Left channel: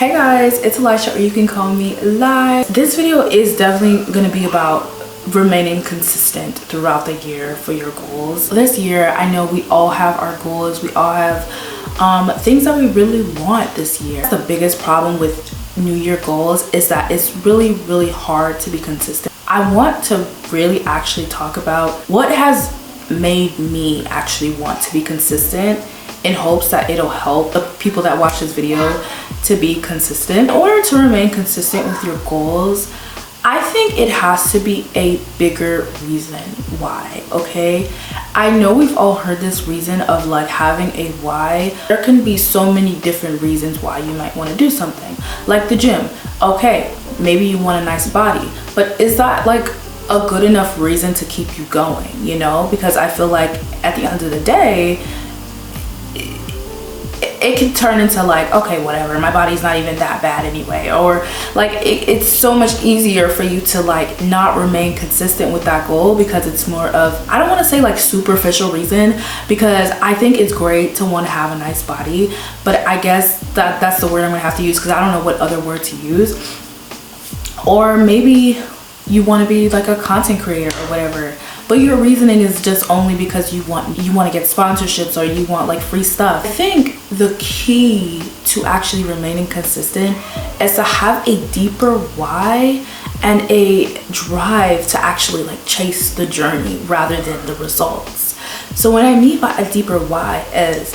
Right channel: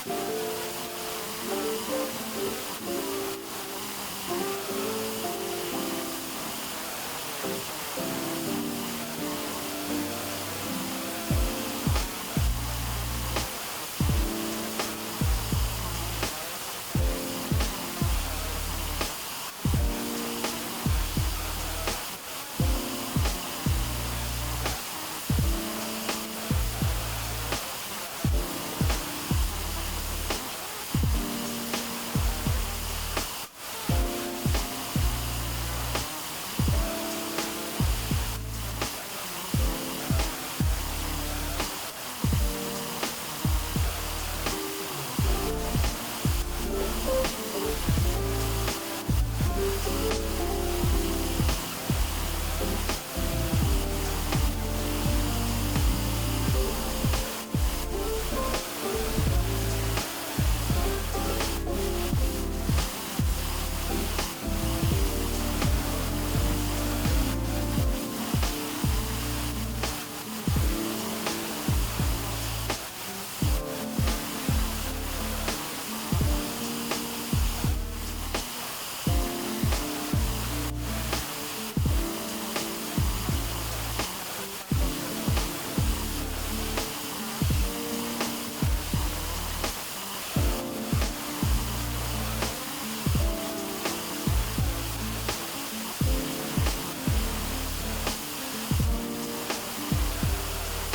Hey guys, it's Aliesha, or you can call me Live. This video is definitely going to be about remaining consistent throughout the year for your goals. This year, I know we all have our goals. We all have things that we really want this year. The biggest problem with New Year goals is that it's really hard to be consistent. I want to really actually talk about what has made me actually want to be consistent, in hopes that it'll help the people that watch this video to be consistent. In order to remain consistent with your goals, I think it has to be a bigger reason why, okay? I know we've all heard this reason of like having a why. There can be so many different reasons why you might want to do something, like the gym. Okay, maybe you want a nice body, but is that like a good enough reason to keep you going, you know? Because I feel like at the end of the day, it can turn into like, okay, whatever, my body's not even that bad anyway, or like it's so much easier for you to like not remain consistent with that goal because it's more of, I don't want to say like superficial reason, because I think it's great to want to have a nice body, but I guess that's the word I'm gonna have to use because I don't know what other word to use. Or maybe you want to be like a content creator or whatever, but your reasoning is just only because you want to get sponsorships or you want like free stuff. I think the key to actually remaining consistent is to have a deeper why and a drive to actually like chase the journey rather than the results. So what I mean by a deeper why is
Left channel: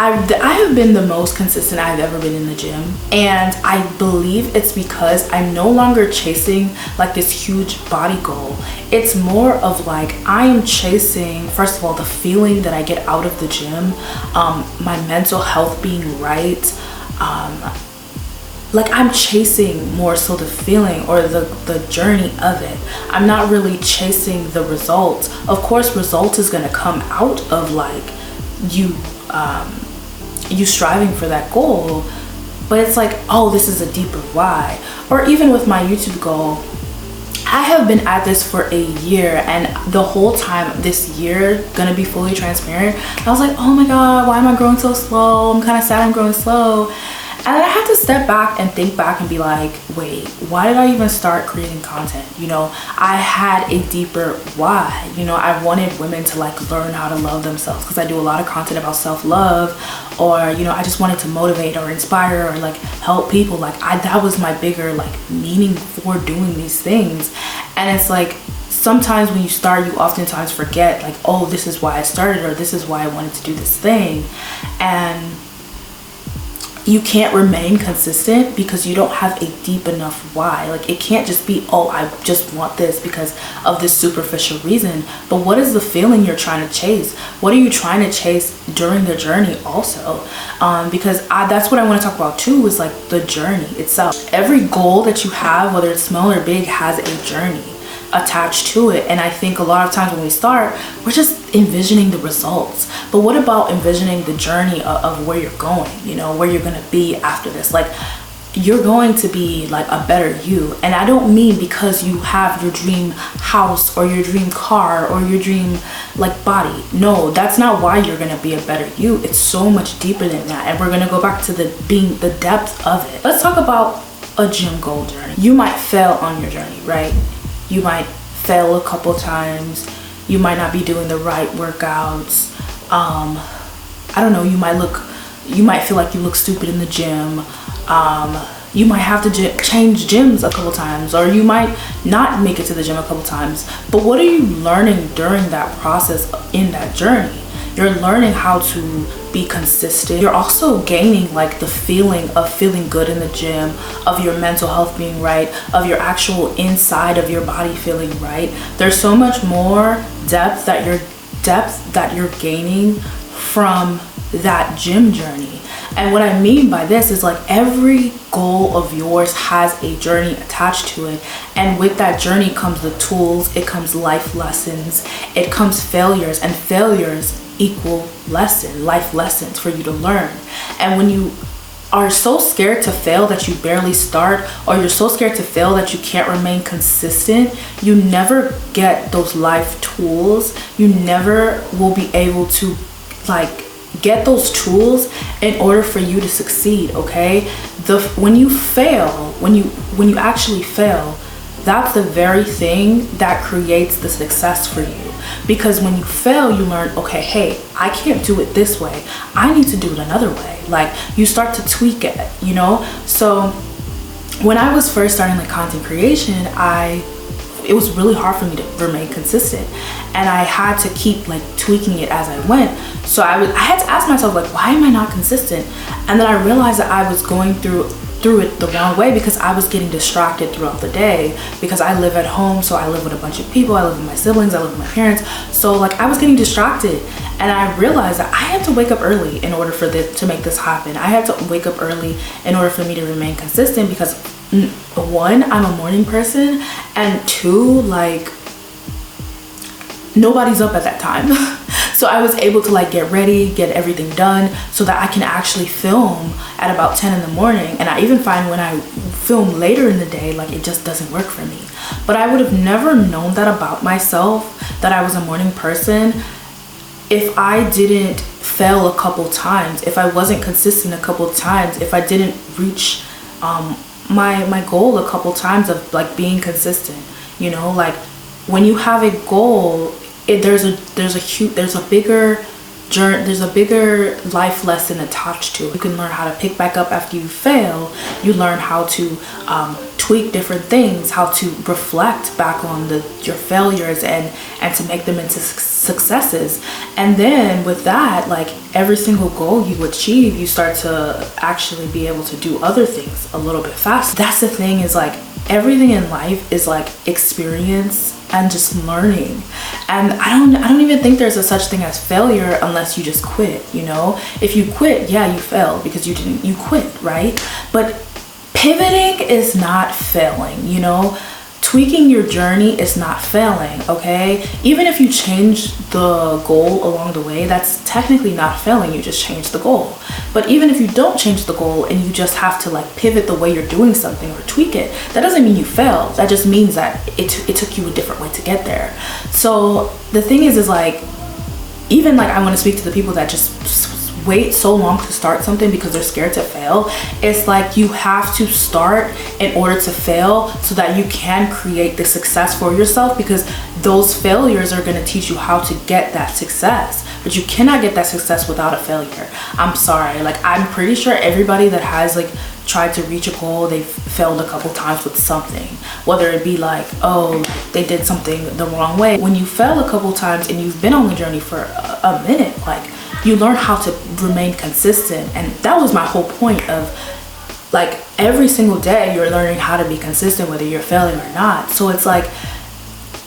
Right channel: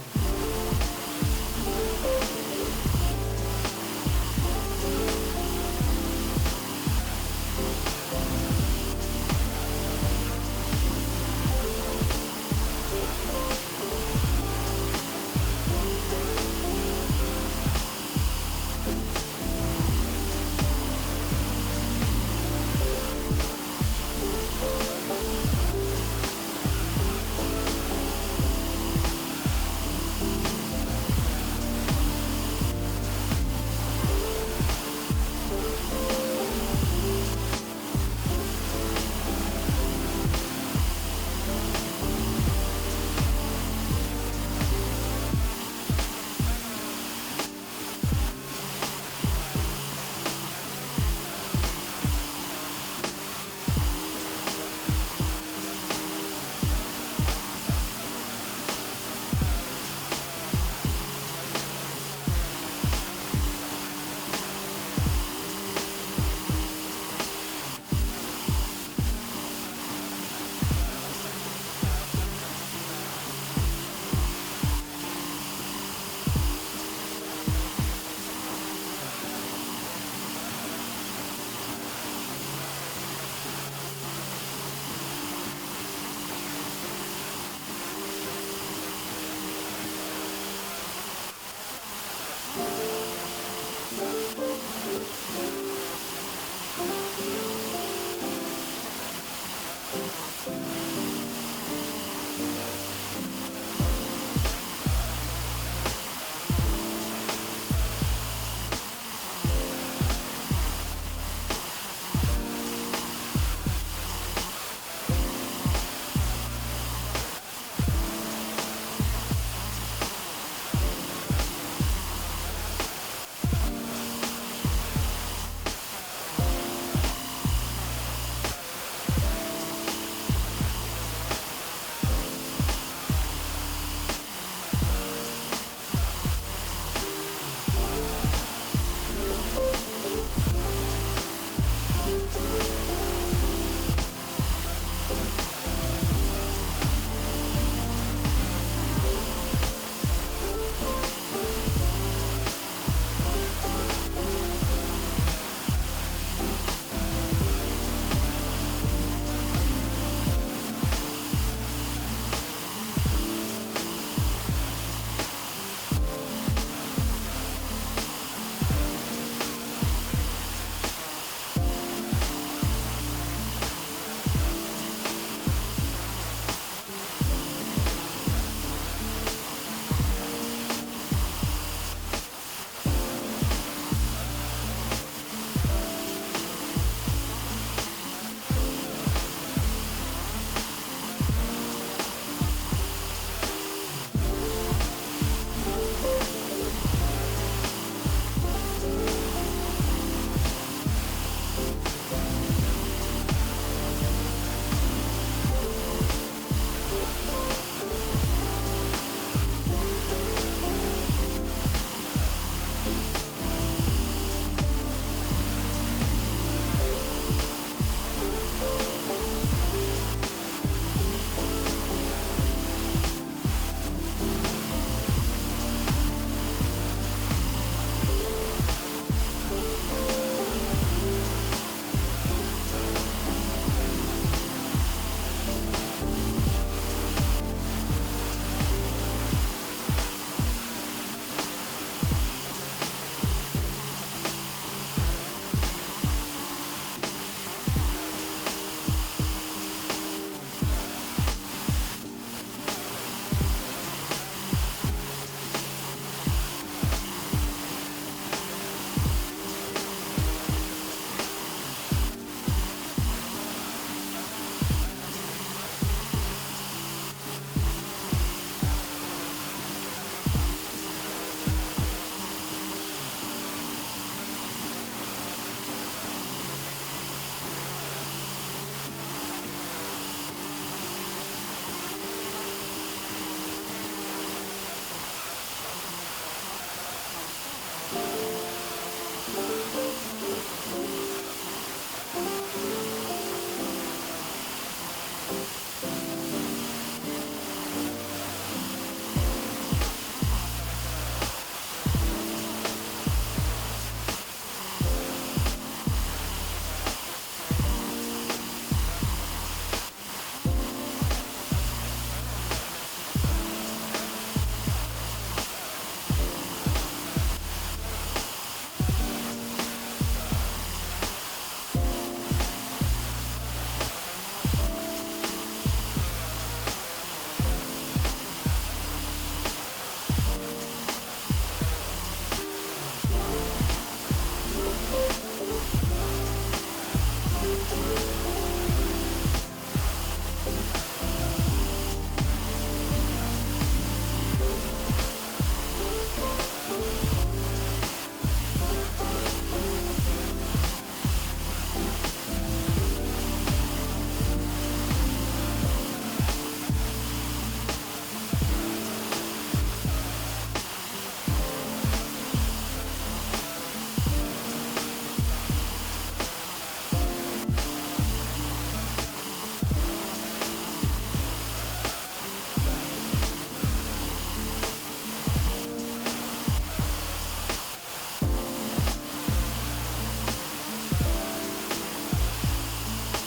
I have been the most consistent I've ever been in the gym, and I believe it's because I'm no longer chasing like this huge body goal. It's more of like I am chasing, first of all, the feeling that I get out of the gym, my mental health being right, like I'm chasing more so the feeling or the journey of it. I'm not really chasing the result. Of course, result is gonna come out of like you striving for that goal, but it's like, oh, this is a deeper why. Or even with my YouTube goal, I have been at this for a year, and the whole time this year, gonna be fully transparent, I was like, oh my god, why am I growing so slow? I'm kind of sad I'm growing slow. And I had to step back and think back and be like, wait, why did I even start creating content? You know, I had a deeper why. You know, I wanted women to like learn how to love themselves, because I do a lot of content about self-love, or you know, I just wanted to motivate or inspire or like help people. Like that was my bigger like meaning for doing these things. And it's like sometimes when you start, you oftentimes forget like, oh, this is why I started, or this is why I wanted to do this thing. And you can't remain consistent because you don't have a deep enough why. Like it can't just be, oh, I just want this because of this superficial reason. But what is the feeling you're trying to chase? What are you trying to chase during the journey also? Because that's what I want to talk about too, is like the journey itself. Every goal that you have, whether it's small or big, has a journey attached to it. And I think a lot of times when we start, we're just envisioning the results. But what about envisioning the journey of where you're going, you know, where you're going to be after this? Like you're going to be like a better you. And I don't mean because you have your dream house or your dream car or your dream like body. No, that's not why you're going to be a better you. It's so much deeper than that. And we're going to go back to the depth of it. Let's talk about a gym goal journey. You might fail on your journey, right? You might fail a couple times. You might not be doing the right workouts. I don't know, you might feel like you look stupid in the gym. You might have to change gyms a couple times, or you might not make it to the gym a couple times. But what are you learning during that process in that journey? You're learning how to be consistent. You're also gaining like the feeling of feeling good in the gym, of your mental health being right, of your actual inside of your body feeling right. There's so much more depth that you're gaining from that gym journey. And what I mean by this is like every goal of yours has a journey attached to it. And with that journey comes the tools, it comes life lessons, it comes failures, and failures equal life lessons for you to learn. And when you are so scared to fail that you barely start, or you're so scared to fail that you can't remain consistent, you never get those life tools. You never will be able to like get those tools in order for you to succeed, okay? when you fail, when you actually fail, that's the very thing that creates the success for you. Because when you fail, you learn, okay, hey, I can't do it this way. I need to do it another way. Like, you start to tweak it, you know? So when I was first starting like content creation, it was really hard for me to remain consistent. And I had to keep like tweaking it as I went. So I had to ask myself, like, why am I not consistent? And then I realized that I was going through it the wrong way, because I was getting distracted throughout the day, because I live at home. So I live with a bunch of people. I live with my siblings, I live with my parents. So like, I was getting distracted, and I realized that I had to wake up early in order for to make this happen. I had to wake up early in order for me to remain consistent, because one, I'm a morning person, and two, like, nobody's up at that time. So I was able to like get ready, get everything done, so that I can actually film at about 10 in the morning. And I even find when I film later in the day, like, it just doesn't work for me. But I would have never known that about myself, that I was a morning person, if I didn't fail a couple times, if I wasn't consistent a couple times, if I didn't reach my goal a couple times of like being consistent. You know, like, when you have a goal, there's a bigger journey, there's a bigger life lesson attached to it. You can learn how to pick back up after you fail. You learn how to tweak different things, how to reflect back on your failures and to make them into successes. And then with that, like, every single goal you achieve, you start to actually be able to do other things a little bit faster. That's the thing, is like, everything in life is like experience and just learning. And I don't even think there's a such thing as failure unless you just quit, you know? If you quit, yeah, you failed because you quit, right? But pivoting is not failing, you know? Tweaking your journey is not failing, okay? Even if you change the goal along the way, that's technically not failing, you just changed the goal. But even if you don't change the goal and you just have to like pivot the way you're doing something or tweak it, that doesn't mean you failed. That just means that it took you a different way to get there. So the thing is like, even like, I want to speak to the people that just wait so long to start something because they're scared to fail. It's like, you have to start in order to fail so that you can create the success for yourself, because those failures are going to teach you how to get that success. But you cannot get that success without a failure. I'm sorry. Like, I'm pretty sure everybody that has like tried to reach a goal, they've failed a couple times with something. Whether it be like, oh, they did something the wrong way. When you fail a couple times and you've been on the journey for a minute, like, you learn how to remain consistent. And that was my whole point of like, every single day you're learning how to be consistent, whether you're failing or not. So it's like,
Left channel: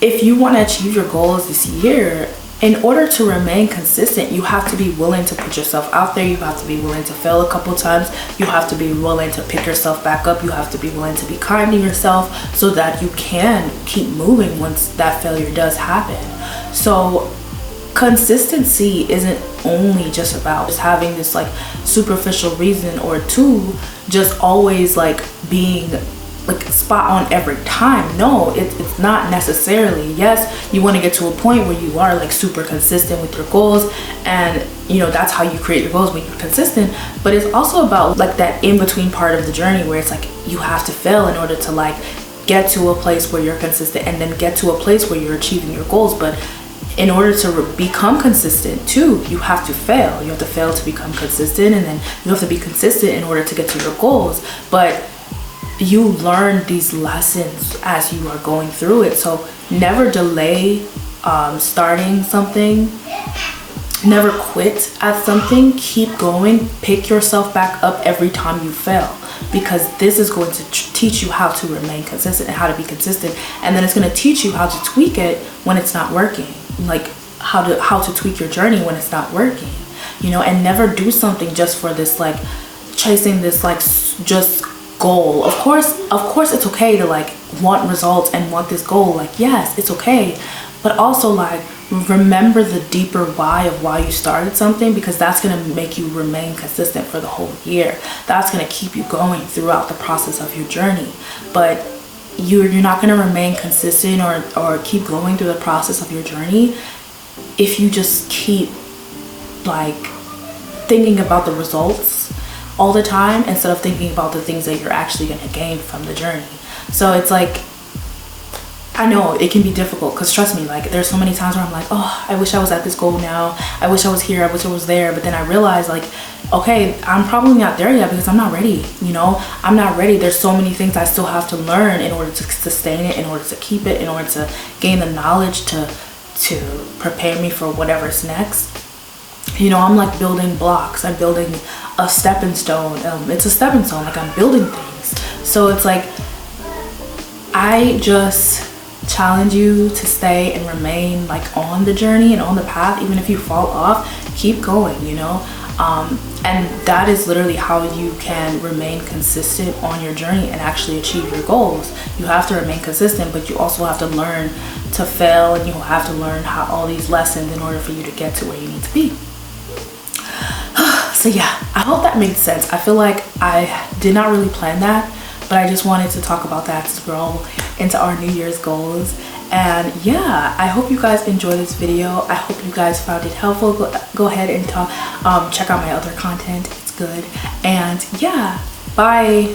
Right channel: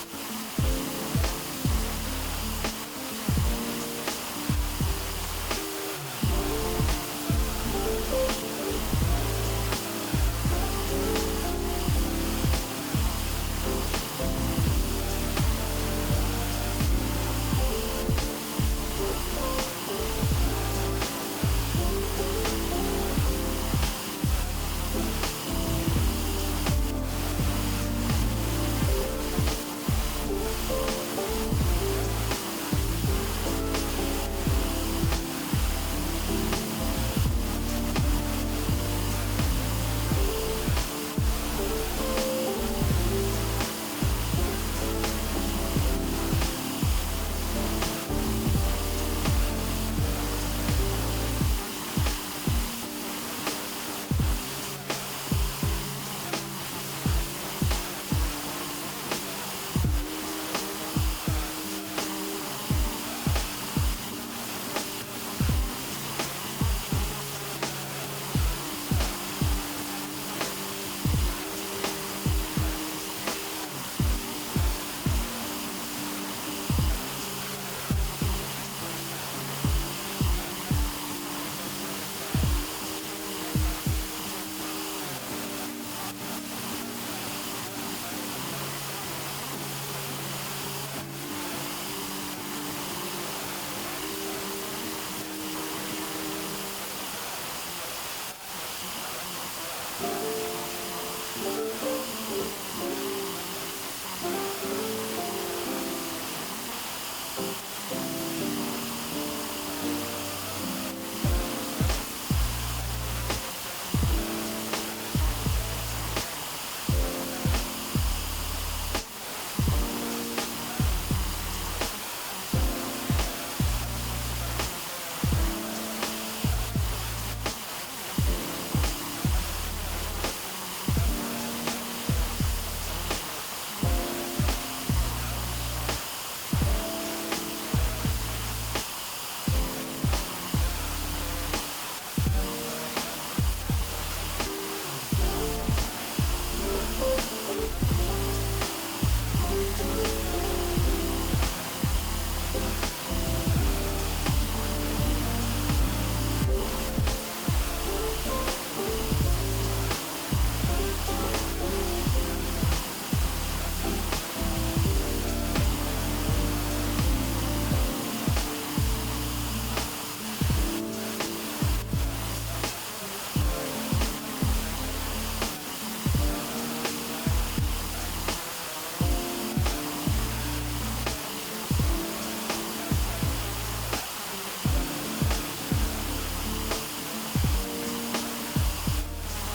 if you want to achieve your goals this year, in order to remain consistent, you have to be willing to put yourself out there. You have to be willing to fail a couple times. You have to be willing to pick yourself back up. You have to be willing to be kind to yourself so that you can keep moving once that failure does happen. So consistency isn't only just about just having this like superficial reason, or two, just always like being like spot on every time. No, it's not necessarily. Yes, you want to get to a point where you are like super consistent with your goals, and you know, that's how you create your goals, when you're consistent. But it's also about like that in-between part of the journey where it's like, you have to fail in order to like get to a place where you're consistent, and then get to a place where you're achieving your goals. But in order to become consistent too, you have to fail. You have to fail to become consistent, and then you have to be consistent in order to get to your goals. But you learn these lessons as you are going through it. So never delay starting something. Never quit at something. Keep going. Pick yourself back up every time you fail, because this is going to teach you how to remain consistent and how to be consistent. And then it's going to teach you how to tweak it when it's not working. Like how to tweak your journey when it's not working, you know. And never do something just for this like chasing this like just goal. Of course it's okay to like want results and want this goal. Like, yes, it's okay, but also like remember the deeper why of why you started something, because that's going to make you remain consistent for the whole year. That's going to keep you going throughout the process of your journey. But you're not going to remain consistent or keep going through the process of your journey if you just keep like thinking about the results, all the time instead of thinking about the things that you're actually going to gain from the journey. So it's like, I know it can be difficult, because trust me, like there's so many times where I'm like, oh, I wish I was at this goal now. I wish I was here. I wish I was there. But then I realize, like, okay, I'm probably not there yet because I'm not ready. You know, I'm not ready. There's so many things I still have to learn in order to sustain it, in order to keep it, in order to gain the knowledge to prepare me for whatever's next. You know, I'm like building blocks. I'm building a stepping stone. It's a stepping stone. Like, I'm building things. So it's like, I just challenge you to stay and remain like on the journey and on the path. Even if you fall off, keep going, you know. And that is literally how you can remain consistent on your journey and actually achieve your goals. You have to remain consistent, but you also have to learn to fail, and you have to learn how all these lessons in order for you to get to where you need to be. So yeah, I hope that made sense. I feel like I did not really plan that, but I just wanted to talk about that to grow into our New Year's goals. And yeah, I hope you guys enjoyed this video. I hope you guys found it helpful. Go ahead and check out my other content. It's good. And yeah, bye.